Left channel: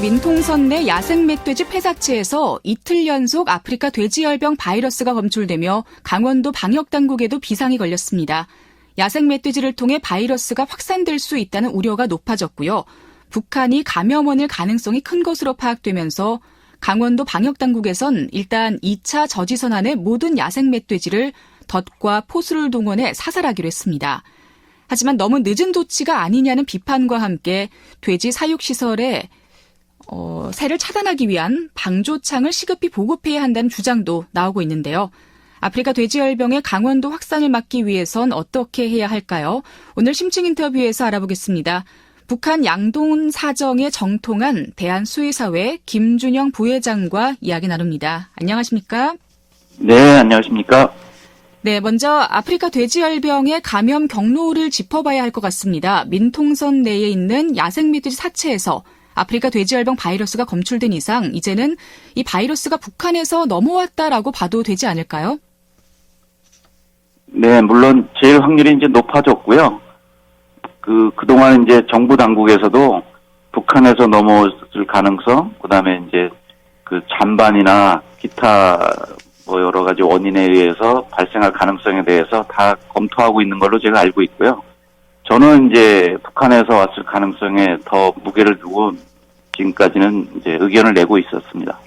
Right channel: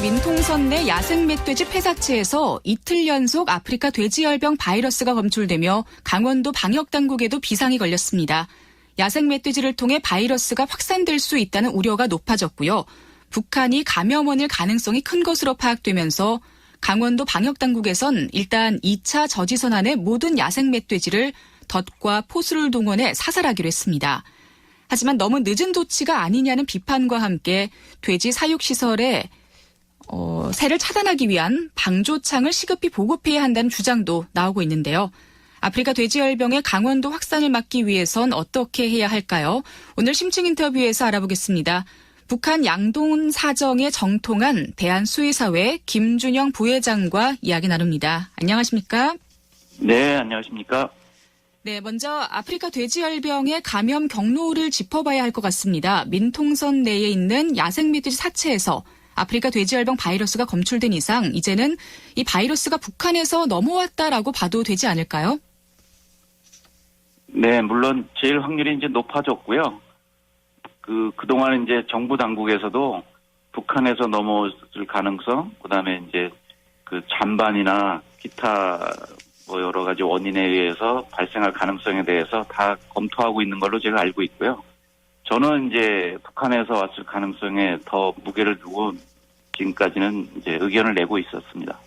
민통선 내 야생 멧돼지 폐사체에서 이틀 연속 아프리카 돼지열병 바이러스가 검출되며 강원도 방역당국에도 비상이 걸렸습니다. 야생 멧돼지를 통해 바이러스가 확산될 수 있다는 우려가 높아졌고요. 북한이 감염원일 가능성이 큰 것으로 파악되면서 강원도 방역당국에선 일단 2차 저지선 안의 모든 야생 멧돼지를 덫과 포수를 동원해 사살하기로 했습니다. 하지만 너무 늦은 조치가 아니냐는 비판과 함께 돼지 사육시설에 새를 차단하기 위한 방조창을 시급히 보급해야 한다는 주장도 나오고 있는데요. 아프리카 돼지열병의 강원도 확산을 막기 위해선 어떻게 해야 할까요? 오늘 심층 인터뷰에서 알아보겠습니다. 북한 양돈 사정에 정통한 대한수의사회 김준영 부회장과 이야기 나눕니다. 안녕하십니까? 네, 안녕하십니까? 네, 먼저 아프리카 돼지열병의 감염 경로를 짚어봐야 할 것 같습니다. 민통선 내에 있는 야생 멧돼지 사체에서 아프리카 돼지열병 바이러스가 검출된 이상 이제는 이 바이러스가 북한에서 넘어왔다라고 봐도 되지 않을까요? 네, 물론 제일 확률이 이제 높아졌고요. 그동안 이제 정부 당국에서도 북한에서 넘어올 가능성, 그다음에 이제 잔반이나 기타 여러 가지 원인에 의해서 발생할 가능성에 대해서 다 검토하고 있는 걸로 제가 알고 있고요. 저는 이제 북한에서 왔을 가능성에 더 무게를 두고 지금까지는 이제 의견을 내고 있었습니다.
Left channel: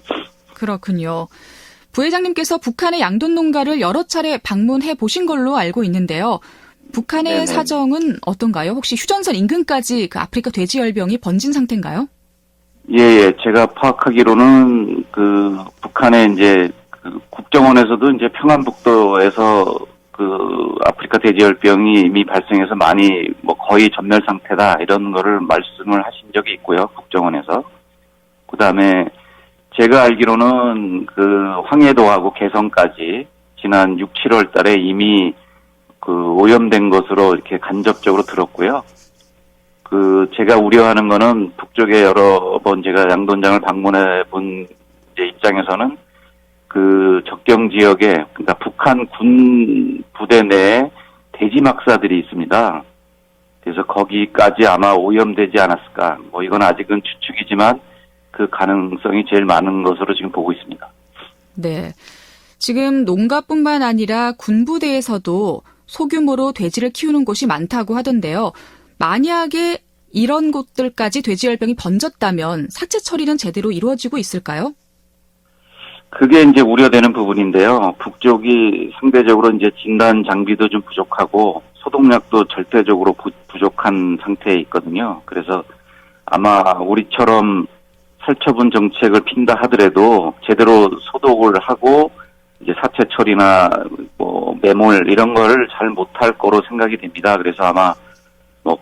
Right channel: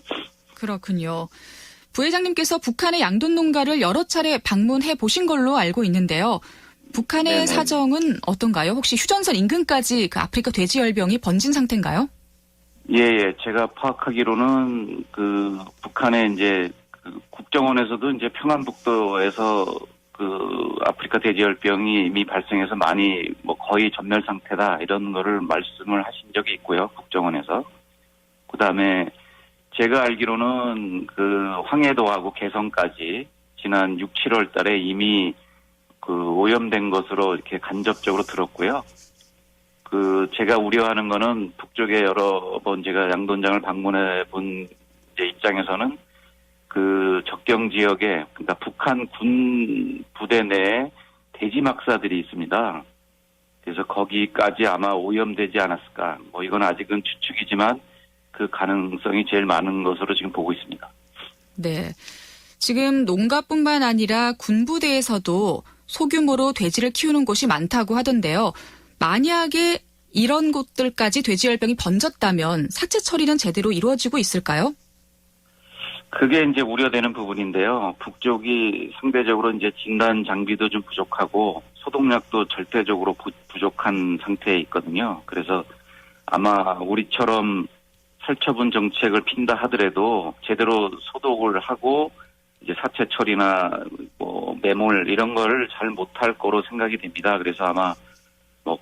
그렇군요. 부회장님께서 북한의 양돈 농가를 여러 차례 방문해 보신 걸로 알고 있는데요. 북한의 네네. 사정은 어떤가요? 혹시 휴전선 인근까지 아프리카 돼지열병이 번진 상태인가요? 예, 제가 파악하기로는 북한의 이제 국정원에서도 이제 평안북도에서 아프리카 돼지열병이 이미 발생해서 많이 거의 전멸 상태다 이런 거를 말씀을 하신 적이 있고요. 국정원에서. 그다음에 제가 알기로는 황해도하고 개성까지 지난 6, 7월 달에 이미 오염된 것으로 이렇게 간접적으로 들었고요. 제가 우려하는 거는 북쪽에 여러 번 제가 양돈장을 방문해 본 입장에서는 적경 지역에, 그러니까 북한 군 부대 내에 돼지 막사들이 있습니다. 그래서 거기까지 아마 오염되지 않았을까. 이건 아직은 추측이지만 그 가능성이 제일 많은 것으로 지금 보고 있습니다. 네. 지금 농가뿐만 아니라 군부대에서도 소규모로 돼지를 키우는 곳이 많다고 하던데요. 만약에 이런 곳들까지 돼지열병이 번졌다면 사체 처리는 제대로 이루어지고 있을까요? 그게 이제 우려되는 부분인데요. 북쪽이 상대적으로 이제 진단 장비도 좀 부족하고 소독약도 절대적으로 부족한 상태에 있거든요. 그래서 아마 우리처럼 살처분 정책을 핀다 하더라도 제대로 소독을 하고 이제 사체 처리나 매몰 이런 걸 잘 못할 거로 생각이 됩니다. 그래서 아마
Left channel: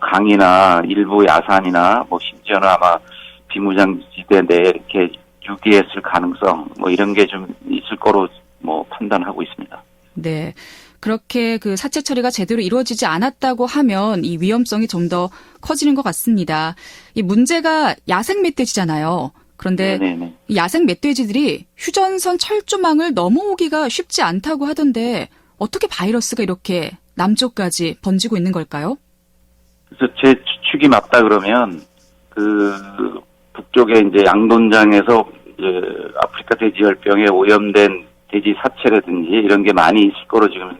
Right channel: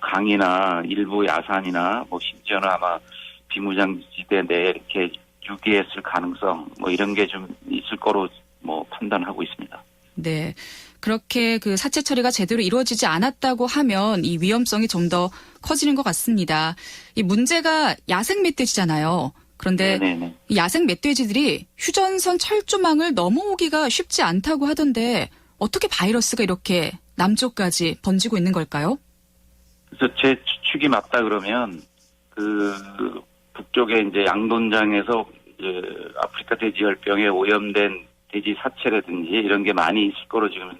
강이나 일부 야산이나 심지어는 아마 비무장지대 내에 이렇게 유기했을 가능성 이런 게 좀 있을 거로 판단하고 있습니다. 네. 그렇게 사체 처리가 제대로 이루어지지 않았다고 하면 이 위험성이 좀 더 커지는 것 같습니다. 이 문제가 야생 멧돼지잖아요. 그런데 네네. 이 야생 멧돼지들이 휴전선 철조망을 넘어오기가 쉽지 않다고 하던데 어떻게 바이러스가 이렇게 남쪽까지 번지고 있는 걸까요? 그래서 제 추측이 맞다 그러면 북쪽에 이제 양돈장에서 이제 아프리카 돼지열병에 오염된 돼지 사체라든지 이런 게 많이 있을 거로 지금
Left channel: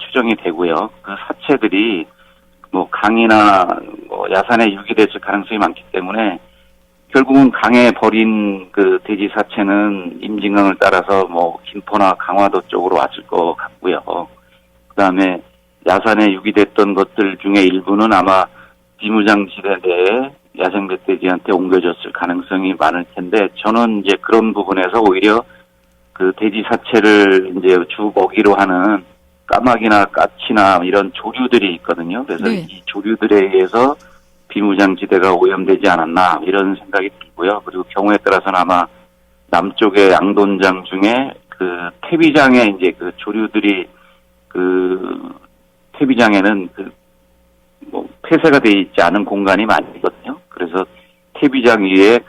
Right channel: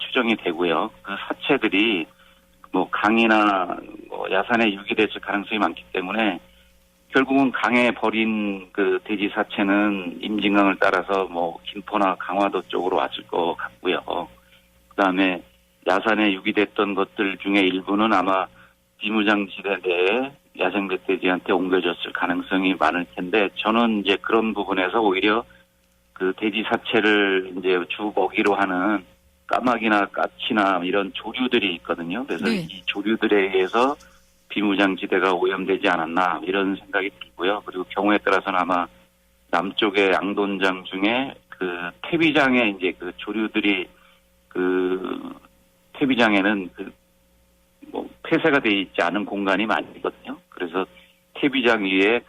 추정이 되고요. 그 사체들이 강이나 야산에 유기됐을 가능성이 많기 때문에 결국은 강에 버린 돼지 사체는 임진강을 따라서 김포나 강화도 쪽으로 왔을 것 같고요. 그다음에 야산에 유기됐던 것들 중에 일부는 아마 비무장지대 내에 야생 멧돼지한테 옮겨졌을 가능성이 많을 텐데 저는 이제 그런 부분에서 오히려 돼지 사체를 이제 주 먹이로 하는 까마귀나 까치나 이런 조류들이 있거든요. 그래서 네. 이 조류들에 의해서 비무장지대가 오염되지 않았나 이런 생각이 들고요. 그리고 경우에 따라서는 아마 남쪽의 양돈장 중에 태비장에 이제 조류들이 태비장에는 폐쇄가 되어 있지 않은 공간이 많이 있거든요. 그래서 태비장 위에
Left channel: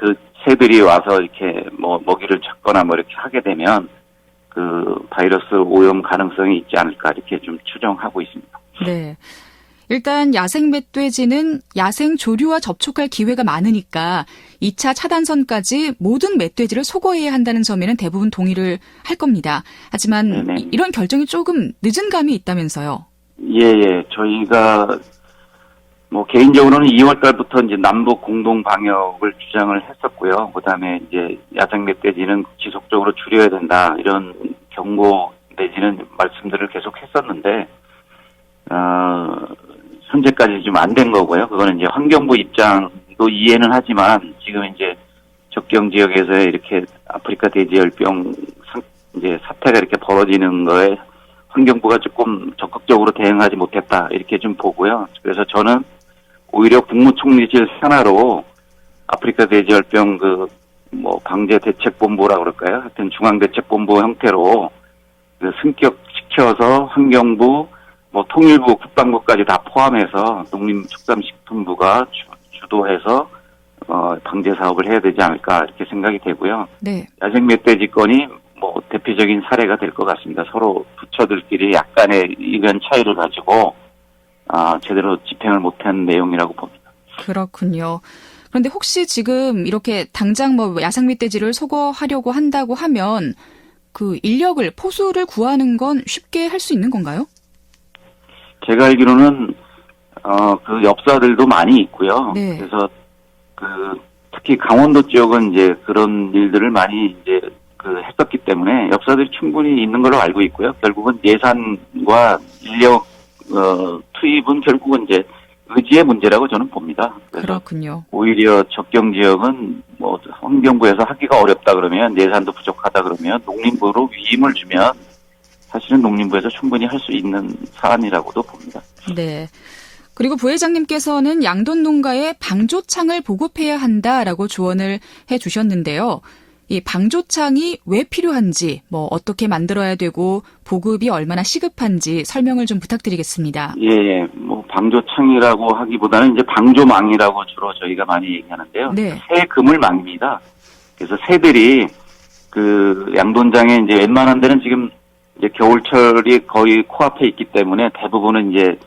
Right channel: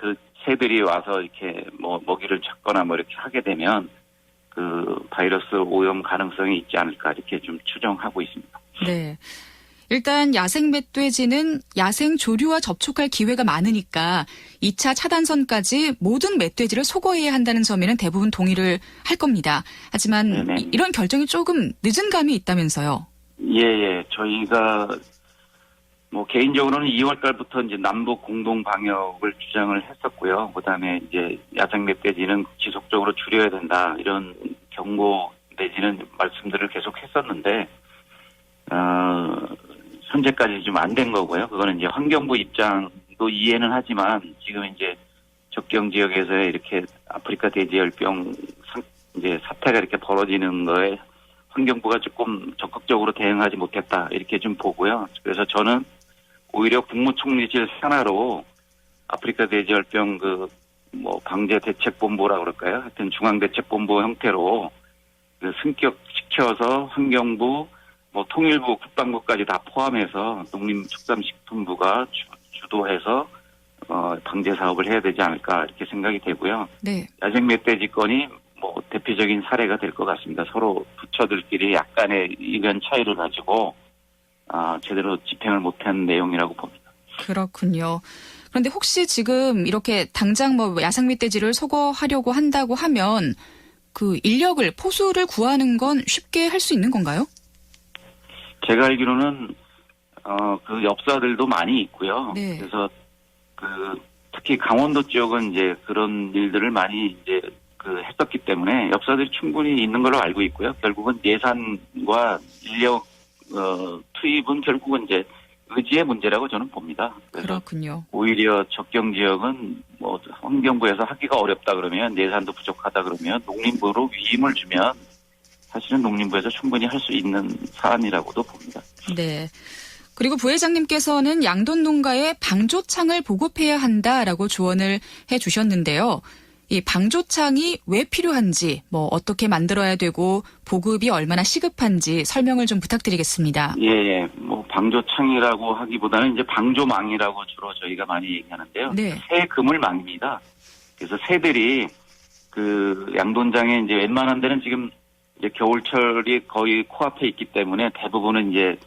새들이 와서 이렇게 먹이를 찾거나 이렇게 하게 되면 바이러스 오염 가능성이 있지 않을까 이렇게 좀 추정하고 있습니다. 네. 일단 야생 멧돼지는 야생 조류와 접촉할 기회가 많으니까 2차 차단선까지 모든 멧돼지를 소거해야 한다는 점에는 대부분 동의를 할 겁니다. 하지만 네네. 이런 결정이 조금 늦은 감이 있다면서요. 예. 저희가 뭐 개인적으로는 2월 달부터 이제 남북 공동 방역을 주장을 했었고요. 그다음에 이제 야생 멧돼지는 지속적으로 줄여야 된다 이런 경고 내지는 말씀들을 계속 했었는데 현재까지 좀 안 된 거고요. 그거는 이제 환경부 입장도 이해는 하지만 지금 이제 접경 지역에서 이렇게 아프리카 돼지열병 이제 사태가 이렇게 벌어지는 거에 환경부가 조금 적극적으로 대응하지 못했다 이렇게 좀 보고요. 그래서 저는 오히려 국무총리실 산하로 아프리카 돼지열병 방제 대책본부라 그럴까요? 하여튼 중앙대책본부 형태로 승격시켜서 환경부, 통일부, 국방부까지 다 포함해서 농림축산식품부가 주도해서 방제 사업을 해야 되지 않을까 이렇게 생각이 되고요. 네. 야생 멧돼지 건이 대표적인 사례가 될 것 같습니다. 서로 부처들끼리 약간의 의견 차이를 가지고 제대로 집행을 못한 내용이라고 봅니다. 그렇군요. 그런데 혹시 지금 이렇게 당장 야생 멧돼지를 소거하려고 한다고 하면 그 인력을 포수를 구하는 건 쉽게 할 수 있는 건가요? 제가 알기로는 그 엽사들도 많이 있고요. 네. 그래서 특히 강원도 지역은 이제 그런 일들을 많이 이제 했었기 때문에 엽사들이 충분히 있는 걸로 알고 있고요. 결국은 예산과 인력 투입은 결국은 이제 의지의 문제라고 저는 봅니다. 그렇군요. 오히려 접경 지역은 환경부에서 하기가 어렵다 그러면 예산도 부족하다 그러면 농림부로 위임을 주면 사실은 농림부에서 충분히 할 수 있는 사안이라고도 봅니다. 네. 그리고 부회장님께서는 양돈 농가에 방조창을 보급해야 한다라고 조언을 해 주셨는데요. 이 방조창이 왜 필요한지, 어떻게 만들어야 되고 보급이 얼마나 시급한지 설명을 좀 부탁드리겠습니다. 예. 방조창이라고 하기보다는 이제 방조망이라고 주로 저희가 많이 얘기하는데요. 네. 새 그물망입니다. 그래서 새들이 양돈장에 이제 웬만한 데는 지금 이제 겨울철이 거의 코앞에 있기 때문에 대부분은 이제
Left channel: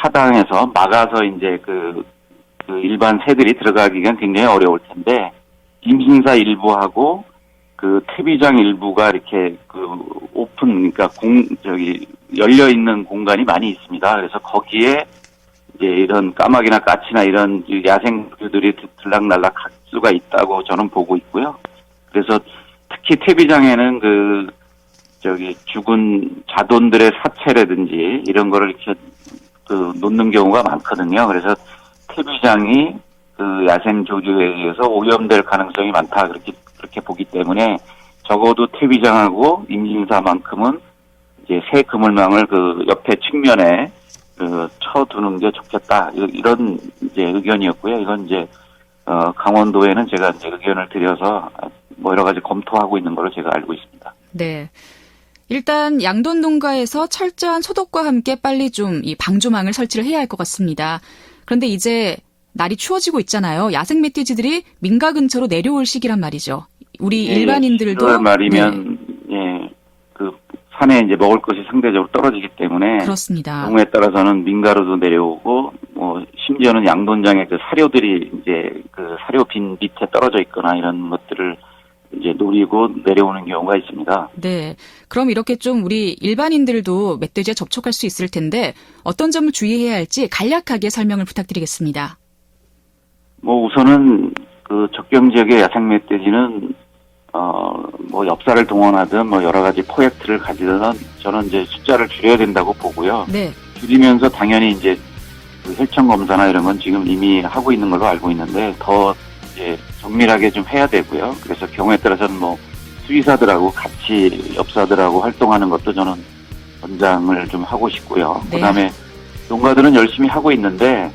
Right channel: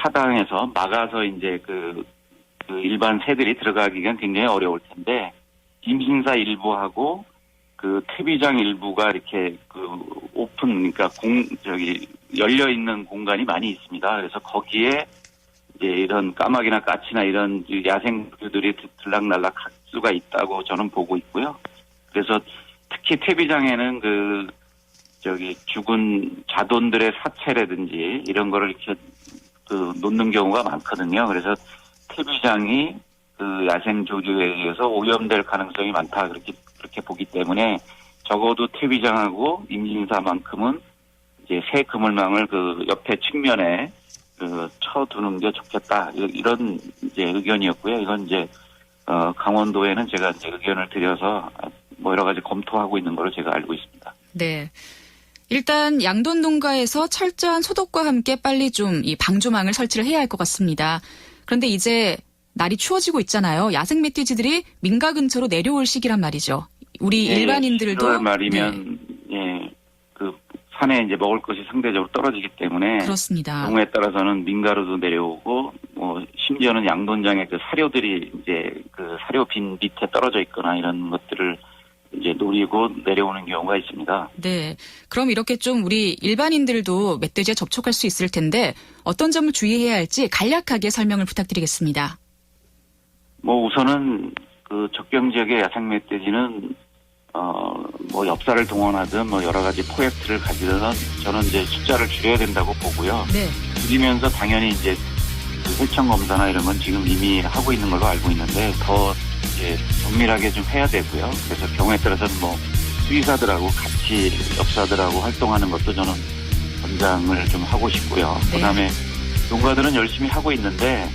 차당해서 막아서 이제 일반 새들이 들어가기가 굉장히 어려울 텐데 임신사 일부하고 퇴비장 일부가 이렇게 오픈, 그러니까 열려 있는 공간이 많이 있습니다. 그래서 거기에 이제 이런 까마귀나 까치나 이런 야생들이 들락날락 할 수가 있다고 저는 보고 있고요. 그래서 특히 퇴비장에는 죽은 자돈들의 사체라든지 이런 거를 이렇게 놓는 경우가 많거든요. 그래서 퇴비장이 야생 조류에 의해서 오염될 가능성이 많다 그렇게 보기 때문에 적어도 퇴비장하고 임신사만큼은 이제 새 그물망을 옆에 측면에 쳐두는 게 좋겠다 이런 이제 의견이었고요. 이건 이제 강원도에는 제가 이제 의견을 드려서 여러 가지 검토하고 있는 걸로 제가 알고 있습니다. 네. 일단 양돈 농가에서 철저한 소독과 함께 빨리 좀 이 방조망을 설치를 해야 할 것 같습니다. 그런데 이제 날이 추워지고 있잖아요. 야생 멧돼지들이 민가 근처로 내려올 시기란 말이죠. 우리 일반인들도 10월 말이면 산에 이제 먹을 것이 상대적으로 떨어지기 때문에 그렇습니다. 경우에 따라서는 민가로도 내려오고 심지어는 양돈장에 사료들이 이제 사료 빈 밑에 떨어져 있거나 이런 것들을 이제 노리고 내려오는 경우가 있습니다. 네. 그럼 이렇게 좀 우리 일반인들도 멧돼지에 접촉할 수 있을 텐데 어떤 점을 주의해야 할지 간략하게 설명을 부탁드리겠습니다. 우선은 접경 지역의 야생 멧돼지는 엽사를 동원하든 여러 가지 프로젝트를 가지든 저는 이제 숫자를 줄여야 된다고 보고요. 네. 줄이면서 당연히 이제 혈청 검사나 이런 건 지금 이미 하고 있는 걸로 알고 있는데 더 이제 정밀하게 좀 해야 되고요. 그래서 경우에 따라서는 수의사들하고 같이 엽사들하고 활동하는 것도 저는 권장을 좀 하고 싶고요. 네. 그다음에 농가들은 열심히 하고 있는데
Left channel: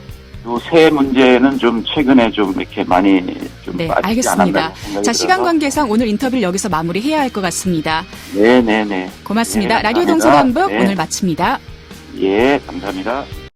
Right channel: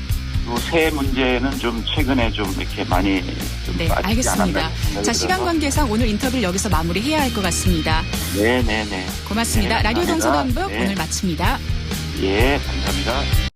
새 문제는 좀 최근에 좀 이렇게 많이 좀 네, 빠지지 알겠습니다. 않았나 생각이 자, 시간 들어서. 관계상 오늘 인터뷰를 여기서 마무리해야 할 것 같습니다. 네. 고맙습니다. 네, 라디오 감사합니다. 동서남북 네. 오늘 마칩니다. 예, 감사합니다.